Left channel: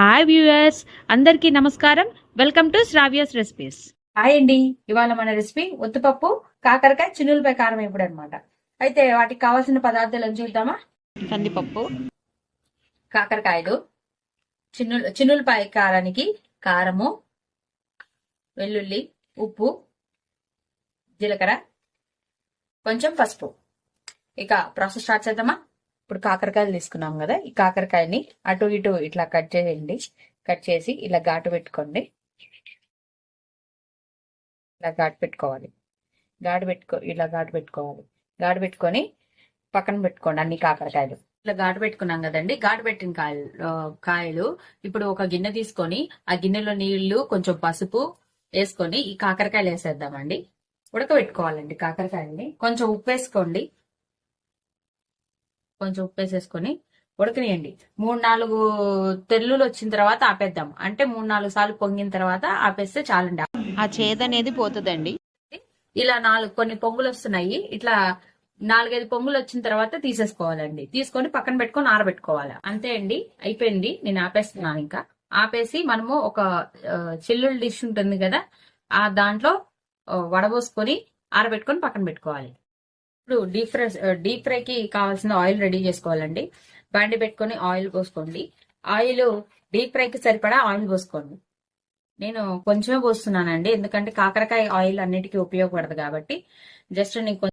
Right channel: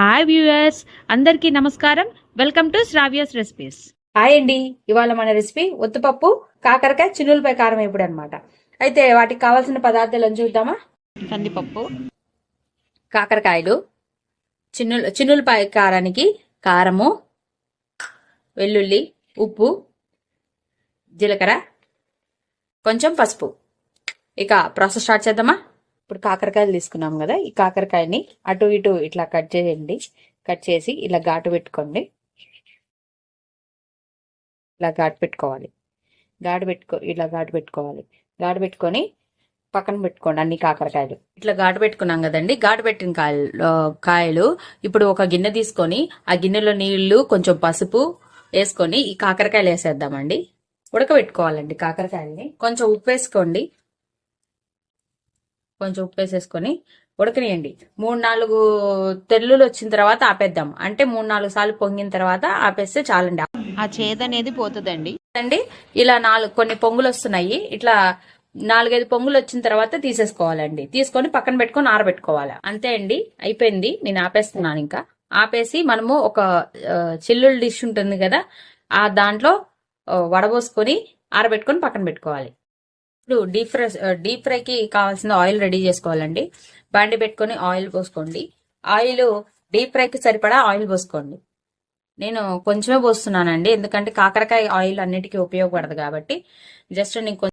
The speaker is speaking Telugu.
హాయ్ వ్యూయర్స్, అందరికీ నమస్కారం. Welcome to Sravya's recipes. Hi అండి. ఇవాళ మన రెసిపీ ఒత్తుపప్పు కాకరకాయ చిన్నులపై కారం వేపుడు అనమాట. అయితే వాటికి కావాల్సిన పదార్థాలను చూద్దామా. కందిపప్పు, కాకరకాయలు, చిన్నులపై కారానికి కారము, వెల్లుల్లి, ఉప్పు, జీలకర్ర, కొంచెం పసుపు. ఇక ప్రాసెస్ స్టార్ట్ చేద్దామా. ఇప్పుడు కాకరకాయలు తీసుకున్నాం కదా, ఈ కాకరకాయని అటు ఇటు ఇట్లా కట్ చేయండి. కట్ చేసి ఇలా ఘాటు పెట్టుకోండి. ఇలా ఘాటు పెట్టుకోవాలి. ఇలా ఘాటు పెట్టుకోవాలి. ఘాటు పెట్టుకొని పక్కన పెట్టుకోండి అన్ని కాకరకాయలు. ఇట్లా ఘాటు పెట్టుకున్నాం కదండి. ఘాటు పెట్టిన కాయలు ఇప్పుడు ఒక గిన్నె తీసుకొని ఆ గిన్నెలో నీళ్లు కొంచెం పసుపు వేసుకొని ఈ కాకరకాయలు వేసేద్దామండి. ఉడకబెట్టుకోవాలండి కాకరకాయలని. కొంచెం ఉప్పు వేసుకోండి. కొంచెం ఉప్పు వేసేసుకొని ఉడకనియండి. 3-4 తెల్లులు వచ్చిన తర్వాత ఆపేద్దాం. అంటే 3-4 సార్లు పొంగిన తర్వాత ఆపేస్తే చాలండి. ఆ చేదు అనేది పోతుందండి. ఇలా కొన్ని పొంగులు వస్తున్నాయి. ఇట్లా 4-5 పొంగులు వచ్చిన తర్వాత తీసేసుకోవాలండి. తీసుకొని పక్కన పెట్టుకొని ఆరబెట్టుకోవాలి. అంతే అండి, అయిపోయింది. నేను ఆపేస్తున్నాను. ఇంకా ఆపేసి మనము ఒక చిల్లులు డిష్ ఉంటుంది కదా, ఆ దాంట్లో వడబోసుకొని ఆరబెట్టుకొని పక్కన పెట్టుకోవాలి. ఇప్పుడు డీప్ ఫ్రైకి కావాల్సిన ఆయిల్ రెడీ చేసుకోవాలండి. బండి పెట్టుకొని ఆయిల్ పోసుకోండి. ఆయిల్ డీప్ ఫ్రైకి సరిపడా ఆయిల్ పోసుకోండి. నేను కొంచెమే పోస్తున్నానండి, ఎందుకంటే కాకరకాయ ఆయిల్ అన్నిటికీ ఉపయోగపడదు కాబట్టి. జస్ట్ నేను